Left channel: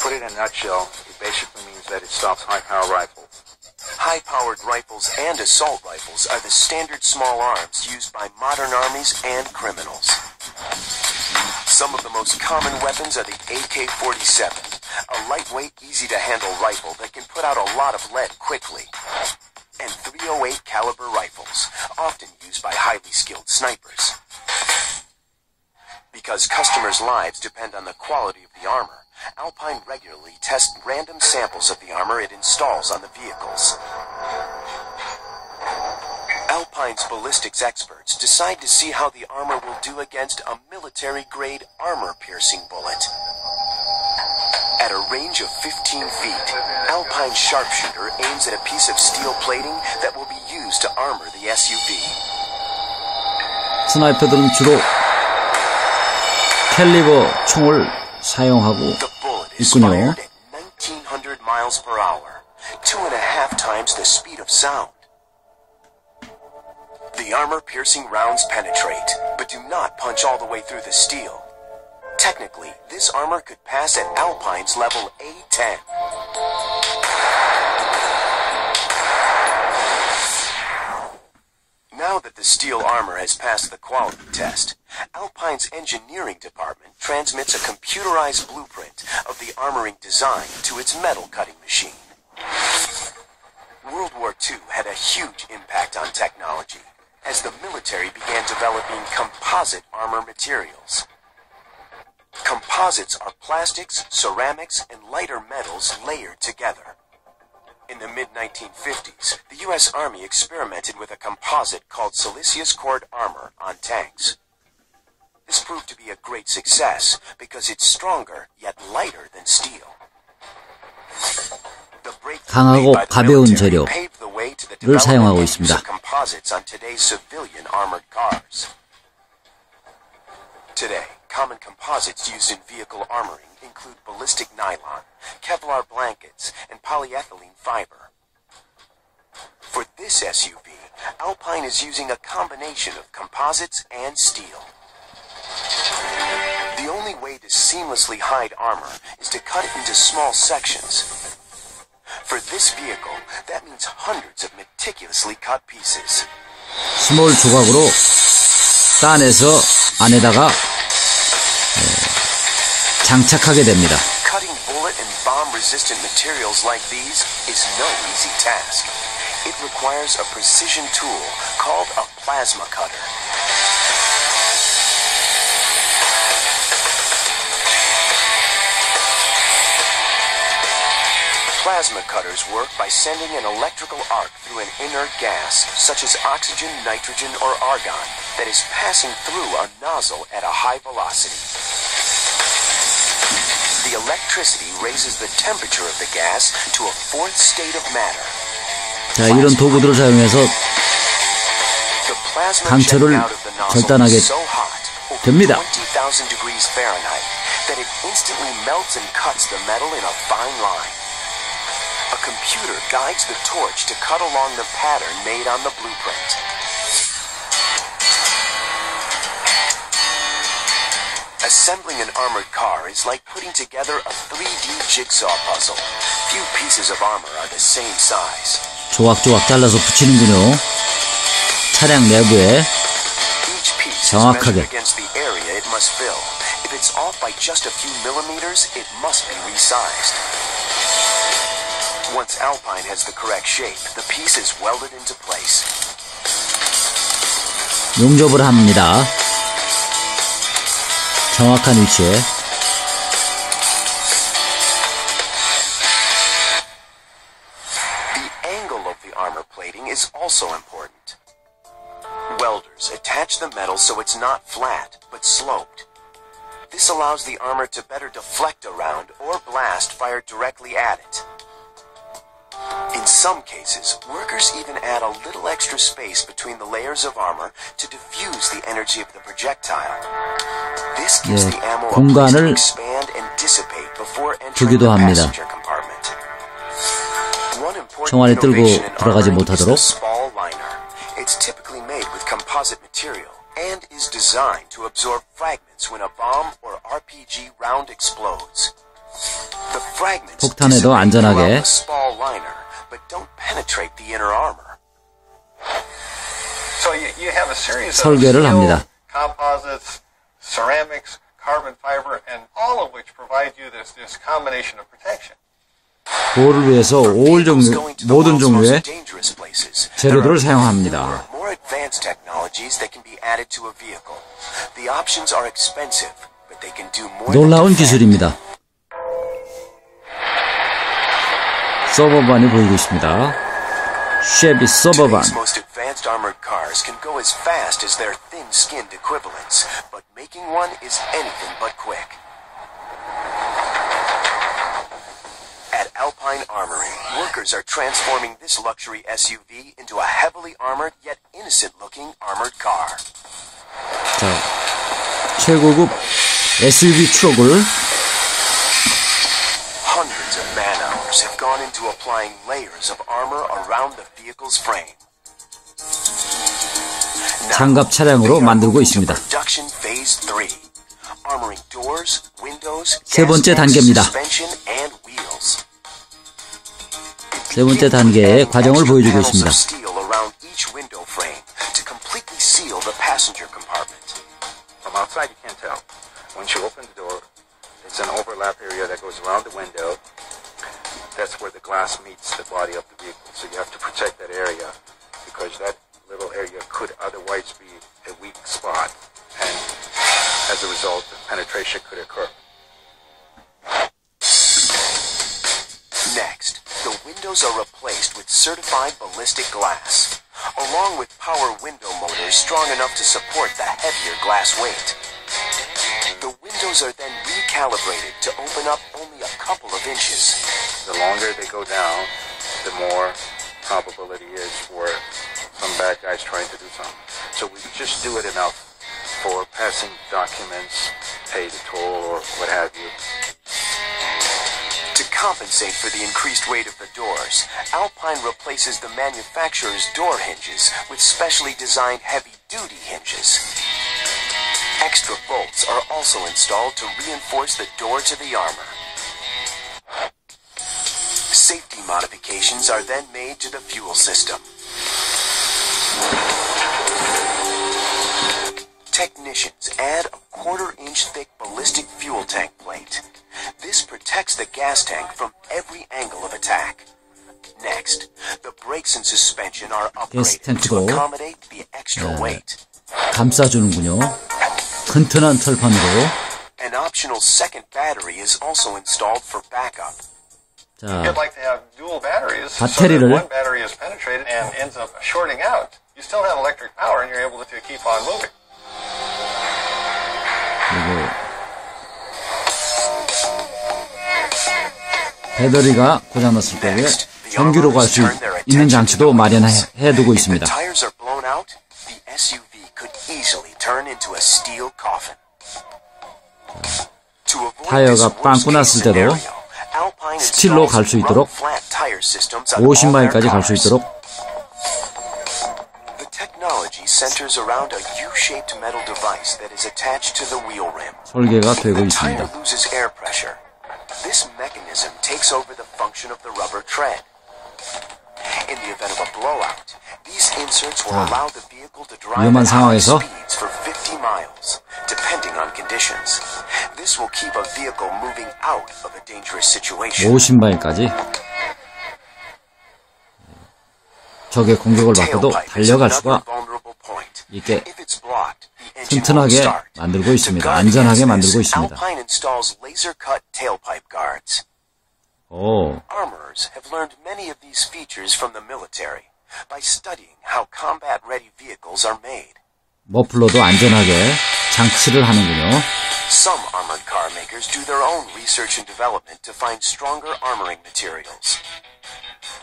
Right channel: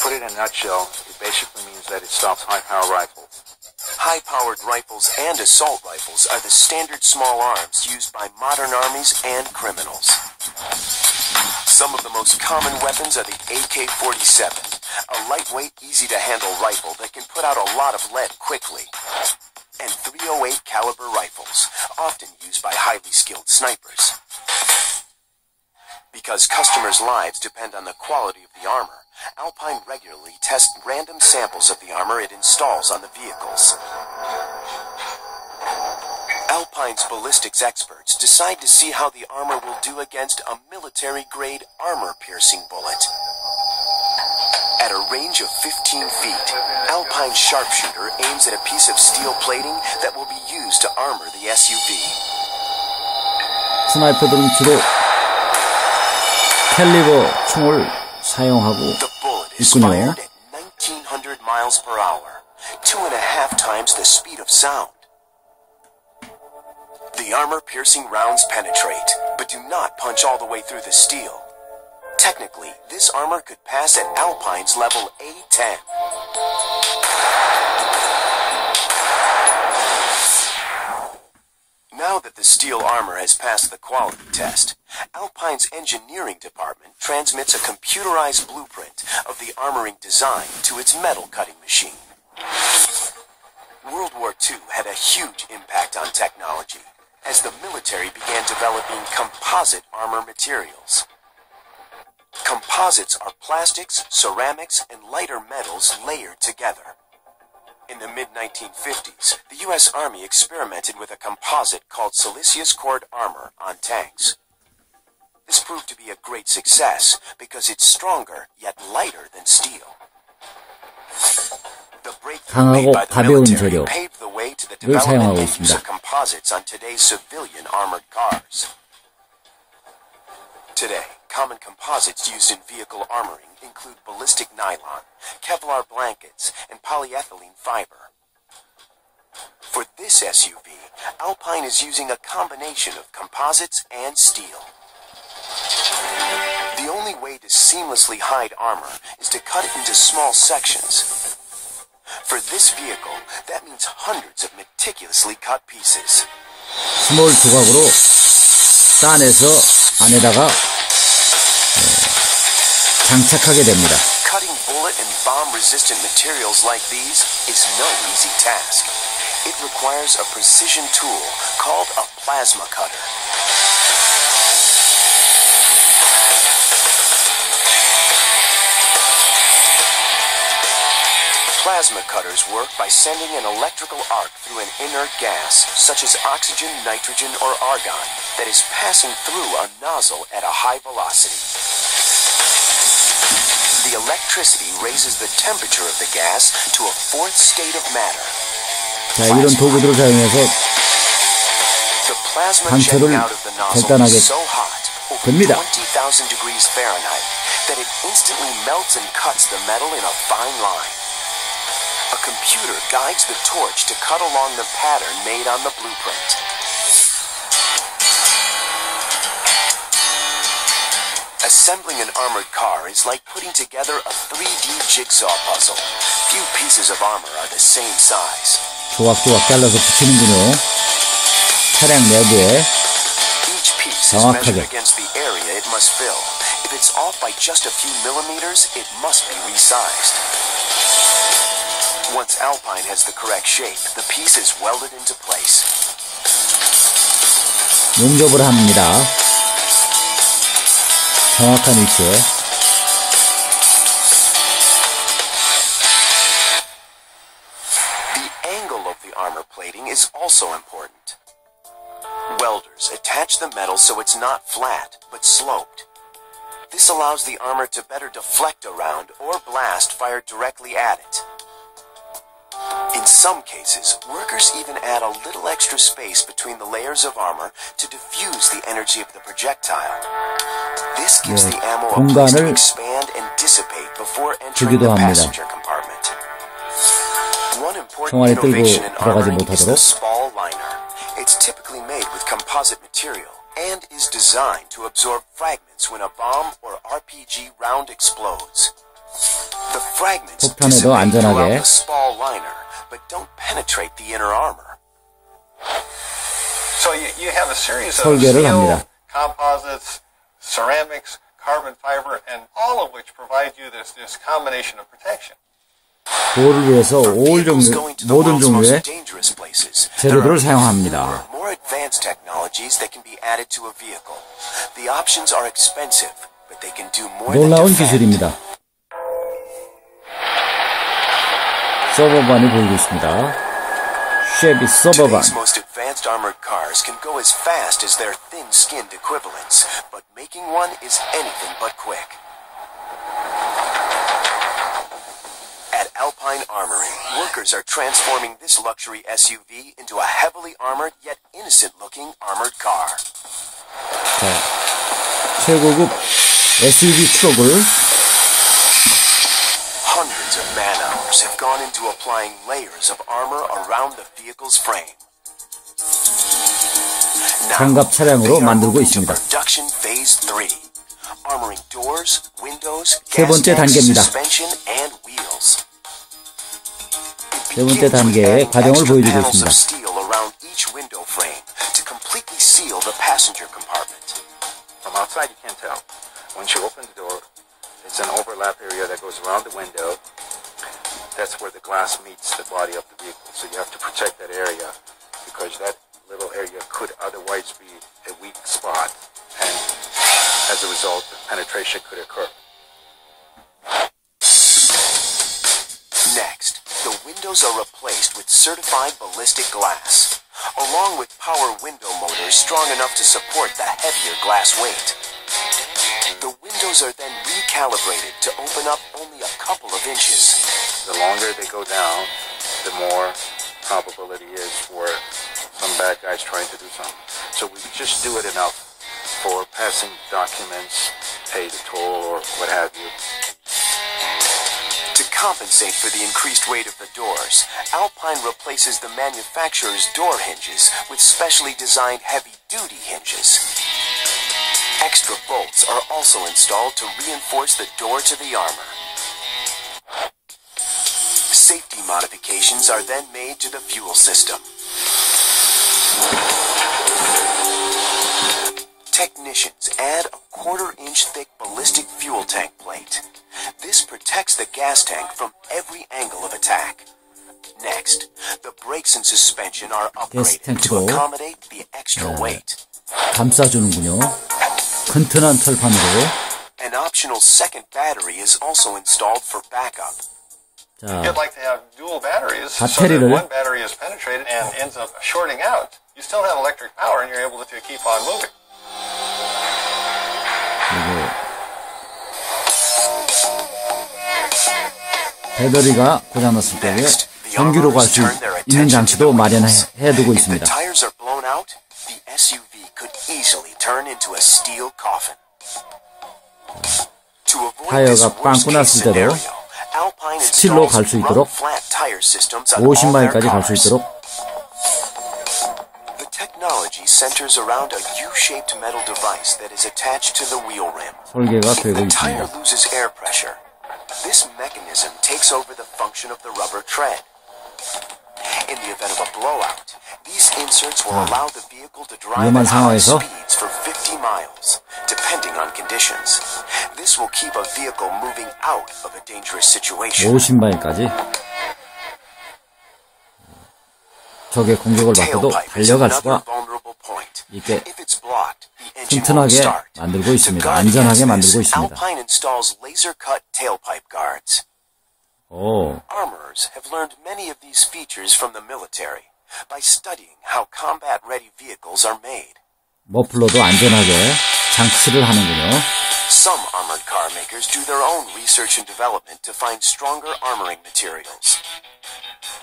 put it in a nutshell, it basically means that it stops high-power rifles. High-powered rifles and assault rifles are the standard small arms used by modern armies and criminals. Some of the most common weapons are the AK-47, a lightweight, easy-to-handle rifle that can put out a lot of lead quickly, and .308 caliber rifles, often used by highly skilled snipers. Because customers' lives depend on the quality of the armor, Alpine regularly tests random samples of the armor it installs on the vehicles. Alpine's ballistics experts decide to see how the armor will do against a military-grade armor-piercing bullet. At a range of 15 feet, Alpine's sharpshooter aims at a piece of steel plating that will be used to armor the SUV. 스나이퍼들은 주로 캘리버 총을 사용하고 The bullet is 있군요. fired at 1900 miles per hour, 2.5 times the speed of sound. The armor-piercing rounds penetrate, but do not punch all the way through the steel. Technically, this armor could pass at Alpine's level A10. Now that the steel armor has passed the quality test, Alpine's engineering department transmits a computerized blueprint of the armoring design to its metal cutting machine. World War II had a huge impact on technology, as the military began developing composite armor materials. Composites are plastics, ceramics, and lighter metals layered together. In the mid-1950s, the U.S. Army experimented with a composite called siliceous cord armor on tanks. This proved to be a great success because it's stronger yet lighter than steel. The breakthrough made by the military paved the way to the development and use of composites on today's civilian armored cars. Today, common composites used in vehicle armoring include ballistic nylon, Kevlar blankets, and polyethylene fiber. For this SUV, Alpine is using a combination of composites and steel. The only way to seamlessly hide armor is to cut it into small sections. For this vehicle, that means hundreds of meticulously cut pieces. 스몰 조각으로 따내서 안에다가 장착하게 됩니다. Cutting bullet and bomb-resistant materials like these is no easy task. It requires a precision tool called a plasma cutter. Plasma cutters work by sending an electrical arc through an inert gas, such as oxygen, nitrogen, or argon, that is passing through a nozzle at a high velocity. The electricity raises the temperature of the gas to a fourth state of matter. 자, 이런 도구들을 사용해서 강철을 절단하게 됩니다. 20,000 degrees Fahrenheit, that it instantly melts and cuts the metal in a fine line. A computer guides the torch to cut along the pattern made on the blueprint. Assembling an armored car is like putting together a 3D jigsaw puzzle. Few pieces of armor are the same size. 조각조각 잘라서 붙이는군요. 차량 내부에 Each piece is 정확하게. measured against the area it must fill. If it's off by just a few millimeters, it must be resized. Once Alpine has the correct shape, the piece is welded into place. 용접을 합니다. 정확한 위치에. The angle of the armor plating is also important. Welders attach the metal so it's not flat, but sloped. This allows the armor to better deflect around or blast fired directly at it. In some cases, workers even add a little extra space between the layers of armor to diffuse the energy of the projectile. This gives the ammo a place to expand and dissipate before entering the passenger compartment. One important innovation in armoring is the spall liner. It's typically made with composite material and is designed to absorb fragments when a bomb or RPG round explodes. The The fragments 폭탄에도 dissipate throughout 안전하게 the small liner, but don't penetrate the inner armor. So you have a series of 설계를 steel, 합니다. composites, ceramics, carbon fiber, and all of which provide you this combination of protection. 보호를 위해서 모든 종류의 재료들을 사용합니다. More advanced technologies that can be added to a vehicle. The options are expensive, but they can do more than 놀라운 defend. 기술입니다. 서버반이 보이고 있습니다. 쉐비 서버반. Today's most advanced armored cars can go as fast as their thin-skinned equivalents, but making one is anything but quick. At Alpine Armory, workers are transforming this luxury SUV into a heavily armored yet innocent-looking armored car. 자, 최고급 SUV 트럭을 Hundreds of man-hours have gone into applying layers of armor around the vehicle's frame. 장갑 차량으로 만들고 있습니다. Production phase 3. Armoring doors, windows, 세 번째 단계입니다. suspension and wheels. 세 번째 단계의 과정을 보여주고 있습니다. Steel around each window frame to completely seal the passenger compartment. From outside, you can't tell. Once you open the door, it's an overlap area that goes around the window. That's where the glass meets the body of the vehicle. So you have to protect that area because that little area could otherwise be a weak spot. And as a result, penetration could occur. Next, the windows are replaced with certified ballistic glass, along with power window motors strong enough to support the heavier glass weight. The windows are then recalibrated to open up only a couple of inches. The longer they go down, the more probability is for some bad guys trying to do something. So we just do it enough for passing documents, pay the toll, or what have you. To compensate for the increased weight of the doors, Alpine replaces the manufacturer's door hinges with specially designed heavy-duty hinges. Extra bolts are also installed to reinforce the door to the armor. Safety modifications are then made to the fuel system. Technicians add a quarter-inch thick ballistic fuel tank plate. This protects the gas tank from every angle of attack. Next, the brakes and suspension are upgraded to accommodate the extra weight. 감싸주는군요. 튼튼한 철판으로. An optional second battery is also installed for backup. 자, You'd like to have dual batteries so that 배터리를 one battery is penetrated and ends up shorting out. You still have electric power and you're able to keep on moving. 그리고 배터리가 고장났을 때에 전기로 갈 수 있는 장치도 마련해두고 있습니다. 타이어가 빵꾸 났을 때도 스틸로 갈 수 있도록 50마일까지 갈 수 있도록 설계가 되고 있습니다. This mechanism takes over the function of the rubber tread. In the event of a blowout, these inserts will allow the vehicle to drive at high speeds for 50 miles, depending on conditions. This will keep a vehicle moving out of a dangerous situation. 50마일까지 적의 공격을 받고도 달려갈 수가 있게 튼튼하게 만들고 있습니다. 안전하게 만들고 있습니다. 오. Armorers have learned many of these features from the military by studying how combat-ready vehicles are made. 머플러도 안전하게 장치를 하는군요. Some armored car makers do their own research and development to find stronger armoring materials.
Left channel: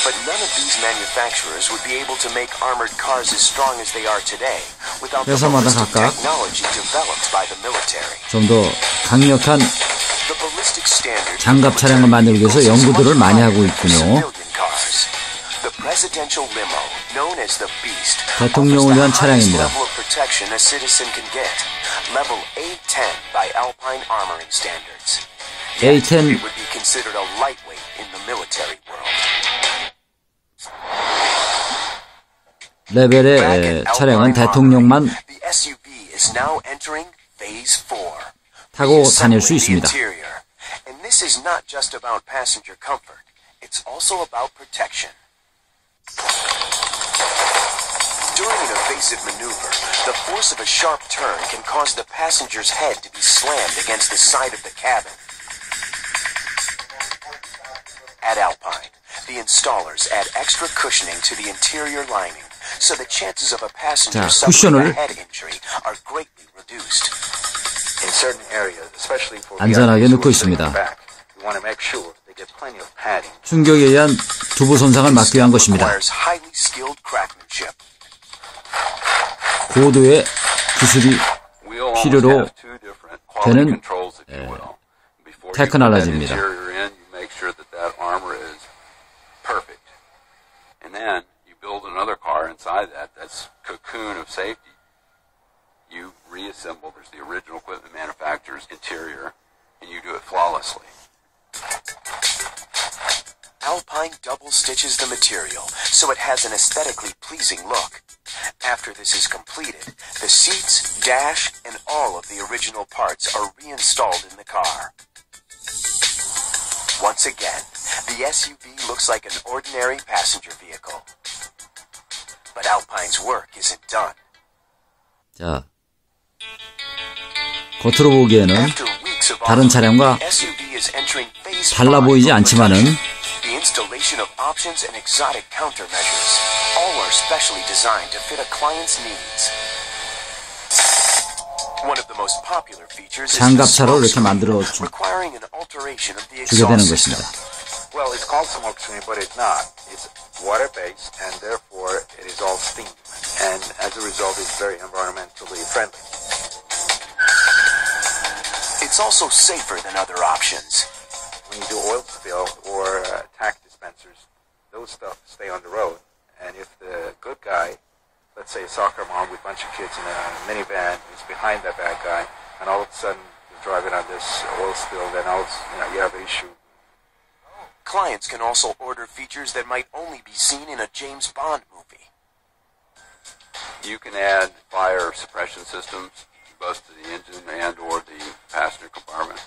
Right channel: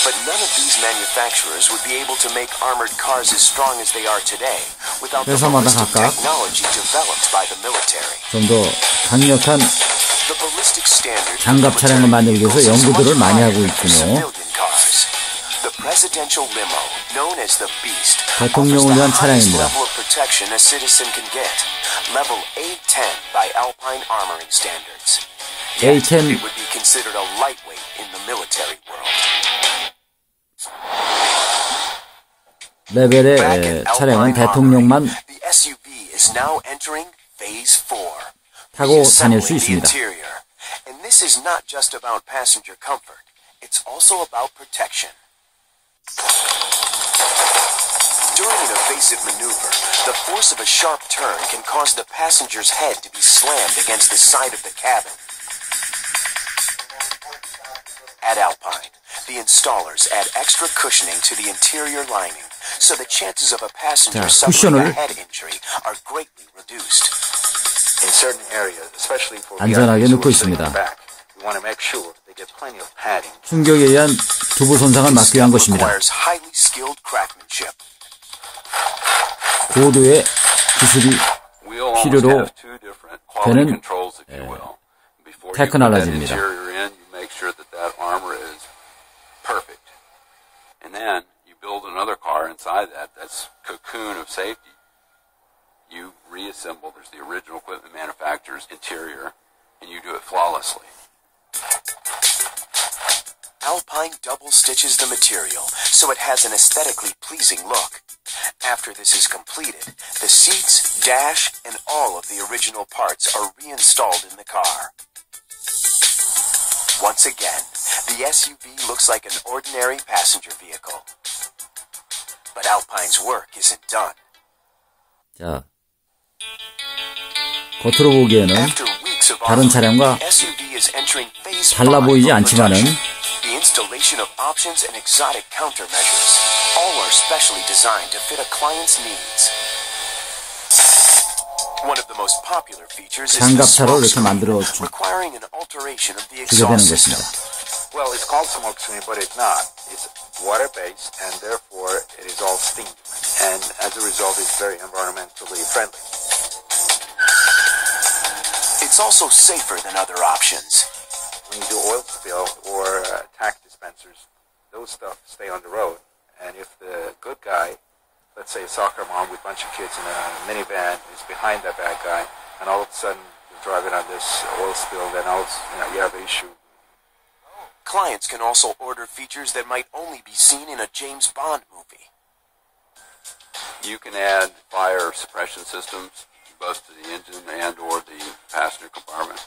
But none of these manufacturers would be able to make armored cars as strong as they are today without the ballistic technology developed by the military. 좀 더 강력한 장갑 차량을 만들기 위해서 연구들을 많이 하고 있군요. 대통령을 위한 차량입니다. A10 레벨의 차량은 대통령만 타고 다닐 수 있습니다. And this is not just about passenger comfort. It's also about protection. During an evasive maneuver, the force of a sharp turn can cause the passenger's head to be slammed against the side of the cabin. At Alpine, the installers add extra cushioning to the interior lining, so the chances of a passenger suffering a head injury are greatly reduced. In certain areas, especially for 안전하게 넣고 있습니다. we want to make sure they get plenty of padding. 충격에 의한 두부 손상을 막기 위한 것입니다. 고도의 기술이 필요로 되는 테크놀로지입니다. And then you build another car inside that. That's cocoon of safety. You reassemble. There's the original equipment manufacturer's interior, and you do it flawlessly. Alpine double stitches the material so it has an aesthetically pleasing look. After this is completed, the seats, dash, and all of the original parts are reinstalled in the car. Once again, the SUV looks like an ordinary passenger vehicle. But Alpine's work isn't done. 자, 겉으로 보기에는 다른 차량과 달라 보이지 않지만은 the installation of options and exotic countermeasures, all are specially designed to fit a client's needs. One of the most popular features is the smoke screen, requiring an alteration of the exhaust system. Well, it's called smoke screen, but it's not. It's water-based, and therefore it is all steam. And as a result, it's very environmentally friendly. It's also safer than other options. When you do oil spill or tack dispensers, those stuff stay on the road. And if the good guy, let's say a soccer mom with a bunch of kids in a minivan, is behind that bad guy, and all of a sudden they're driving on this oil spill, then you have an issue. Clients can also order features that might only be seen in a James Bond movie. You can add fire suppression systems, both to the engine and or the passenger compartment.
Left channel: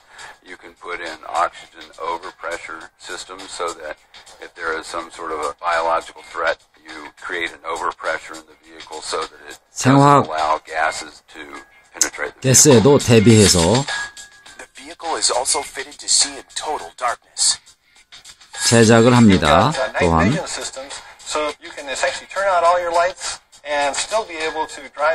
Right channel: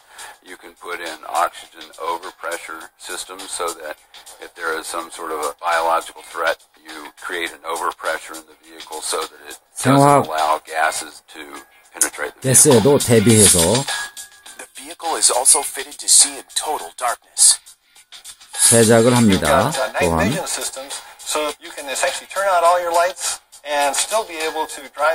You can put in oxygen overpressure systems so that if there is some sort of a biological threat, you create an overpressure in the vehicle so that it doesn't allow gases to penetrate the vehicle. 대비해서 The vehicle is also fitted to see in total darkness. 제작을 합니다. 또한 So you can essentially turn out all your lights and still be able to drive